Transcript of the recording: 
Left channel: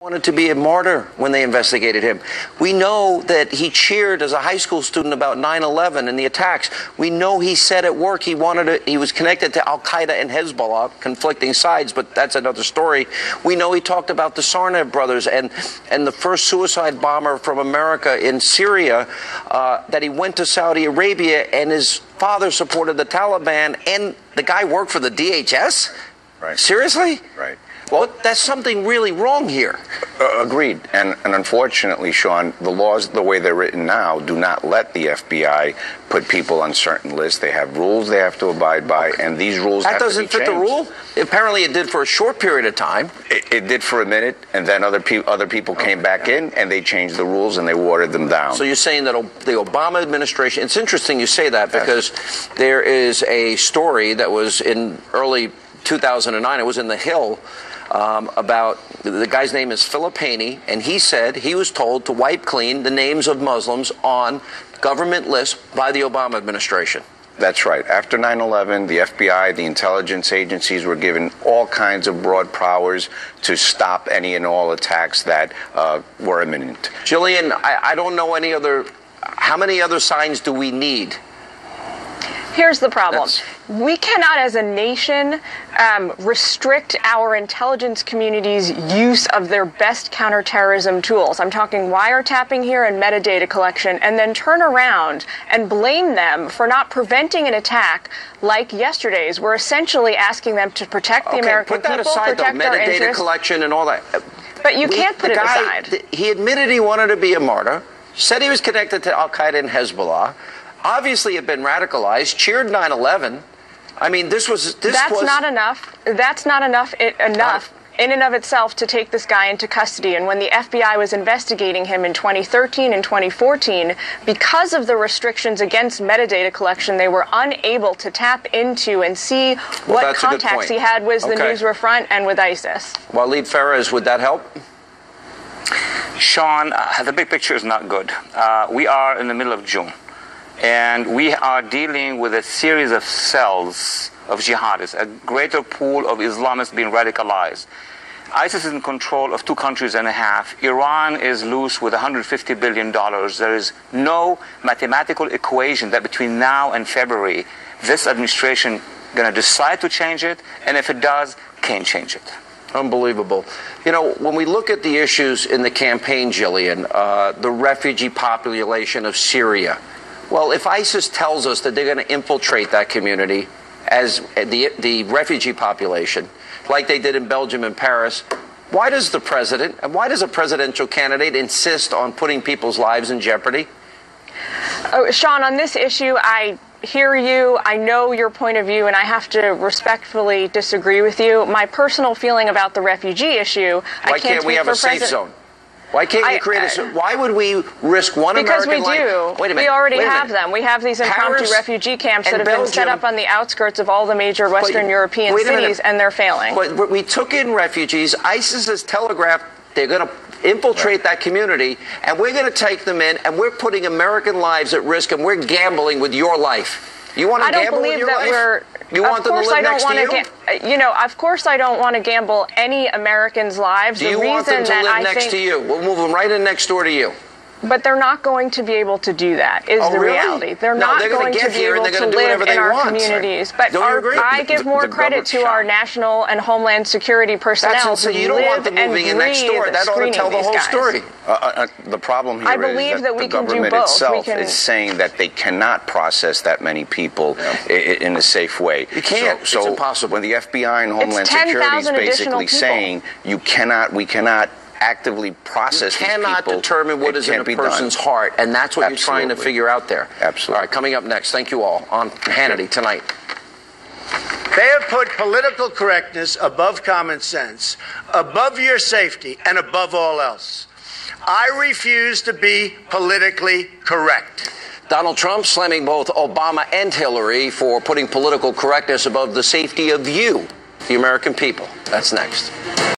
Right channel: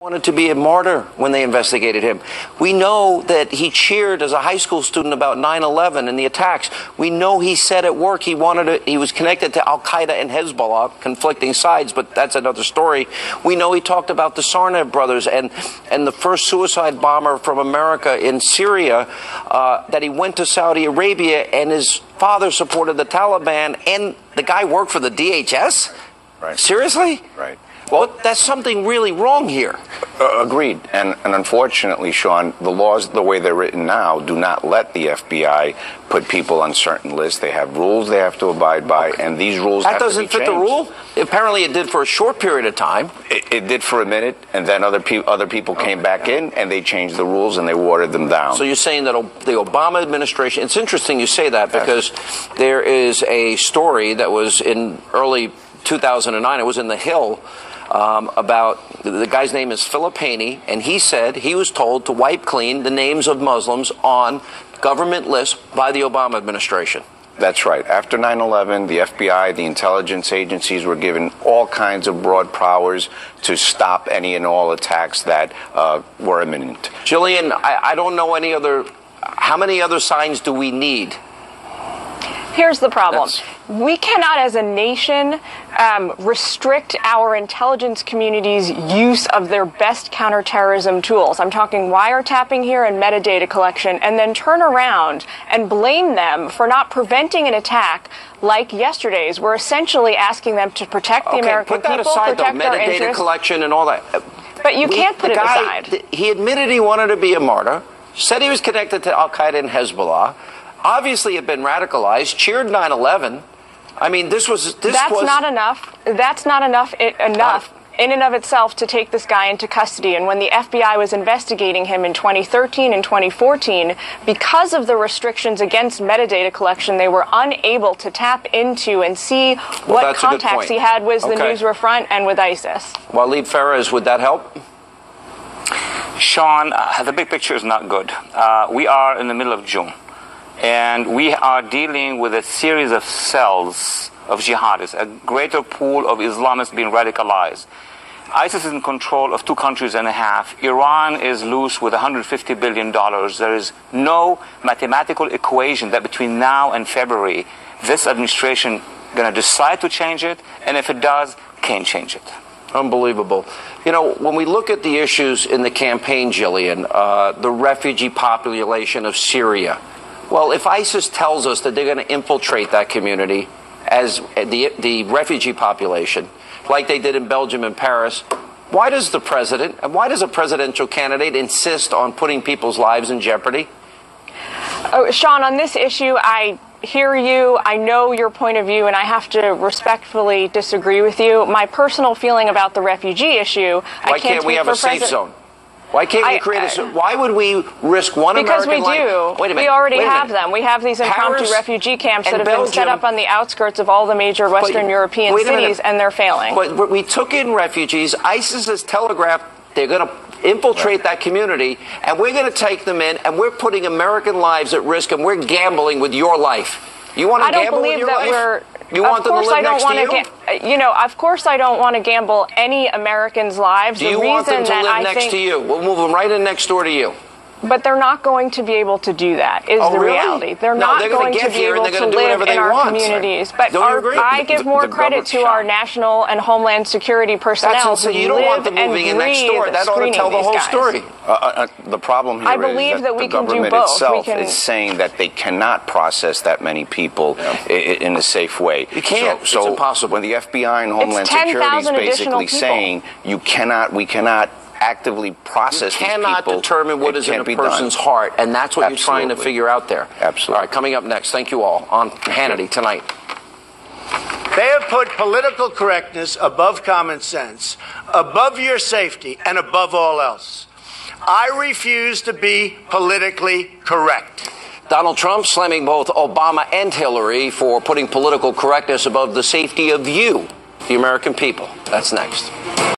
Wanted to be a martyr when they investigated him. We know that he cheered as a high school student about 9/11 and the attacks. We know he said at work he was connected to Al-Qaeda and Hezbollah, conflicting sides, but that's another story. We know he talked about the Tsarnaev brothers and the first suicide bomber from America in Syria, that he went to Saudi Arabia and his father supported the Taliban, and the guy worked for the DHS? Right. Seriously? Right. Well, that's something really wrong here. Agreed. And unfortunately, Sean, the laws, the way they're written now, do not let the FBI put people on certain lists. They have rules they have to abide by, and these rules have to be changed. That doesn't fit the rule? Apparently it did for a short period of time. It did for a minute, and then other people came back in, and they changed the rules, and they watered them down. So you're saying that the Obama administration, it's interesting you say that, because there is a story that was in early 2009, it was in The Hill, about the guy's name is Philip Haney, and he said he was told to wipe clean the names of Muslims on government lists by the Obama administration. That's right. After 9/11, the FBI, the intelligence agencies were given all kinds of broad powers to stop any and all attacks that were imminent. Jillian, I don't know any other. How many other signs do we need? Here's the problem. We cannot, as a nation, restrict our intelligence community's use of their best counterterrorism tools. I'm talking wiretapping here and metadata collection, and then turn around and blame them for not preventing an attack like yesterday's. We're essentially asking them to protect the American people, protect our interests. Put that aside, though, metadata collection and all that. But you can't put it aside. He admitted he wanted to be a martyr, said he was connected to Al-Qaeda and Hezbollah, obviously had been radicalized, cheered 9/11. I mean, that's not enough. That's not enough in and of itself to take this guy into custody. And when the FBI was investigating him in 2013 and 2014, because of the restrictions against metadata collection, they were unable to tap into and see what contacts he had with the Nusra Front and with ISIS. Waleed Farah's, would that help? Sean, the big picture is not good. We are in the middle of June. And we are dealing with a series of cells of jihadists, a greater pool of Islamists being radicalized. ISIS is in control of 2.5 countries. Iran is loose with $150 billion. There is no mathematical equation that between now and February, this administration going to decide to change it, and if it does, can change it. Unbelievable. You know, when we look at the issues in the campaign, Jillian, the refugee population of Syria, well, if ISIS tells us that they're going to infiltrate that community as the refugee population, like they did in Belgium and Paris, why does the president, and why does a presidential candidate insist on putting people's lives in jeopardy? Oh, Sean, on this issue, I hear you, I know your point of view, and I have to respectfully disagree with you. My personal feeling about the refugee issue, why can't we have a safe zone? Why can't we create a... Why would we risk one American life? Because we do. Wait a minute. We already have them. We have these impromptu refugee camps that have been set up on the outskirts of all the major Western European cities, and they're failing. But we took in refugees. ISIS has telegraphed they're going to infiltrate that community, and we're going to take them in, and we're putting American lives at risk, and we're gambling with your life. You want to gamble with your life? You want them to live next to you? You know, of course I don't want to gamble any Americans' lives. Do you want them to live next to you? We'll move them right in next door to you. But they're not going to be able to do that, is the reality. They're not going to be able to live in our communities. But I give more credit to our national and homeland security personnel who live and breathe next door. That ought to tell the whole story. The problem here is that the government itself is saying that they cannot process that many people in a safe way. You can't. It's impossible. When the FBI and Homeland Security is basically saying we cannot actively process these people. You cannot determine what is in a person's heart, and that's what you're trying to figure out there. Absolutely. All right, coming up next, thank you all, on Hannity tonight. They have put political correctness above common sense, above your safety, and above all else. I refuse to be politically correct. Donald Trump slamming both Obama and Hillary for putting political correctness above the safety of you, the American people. That's next.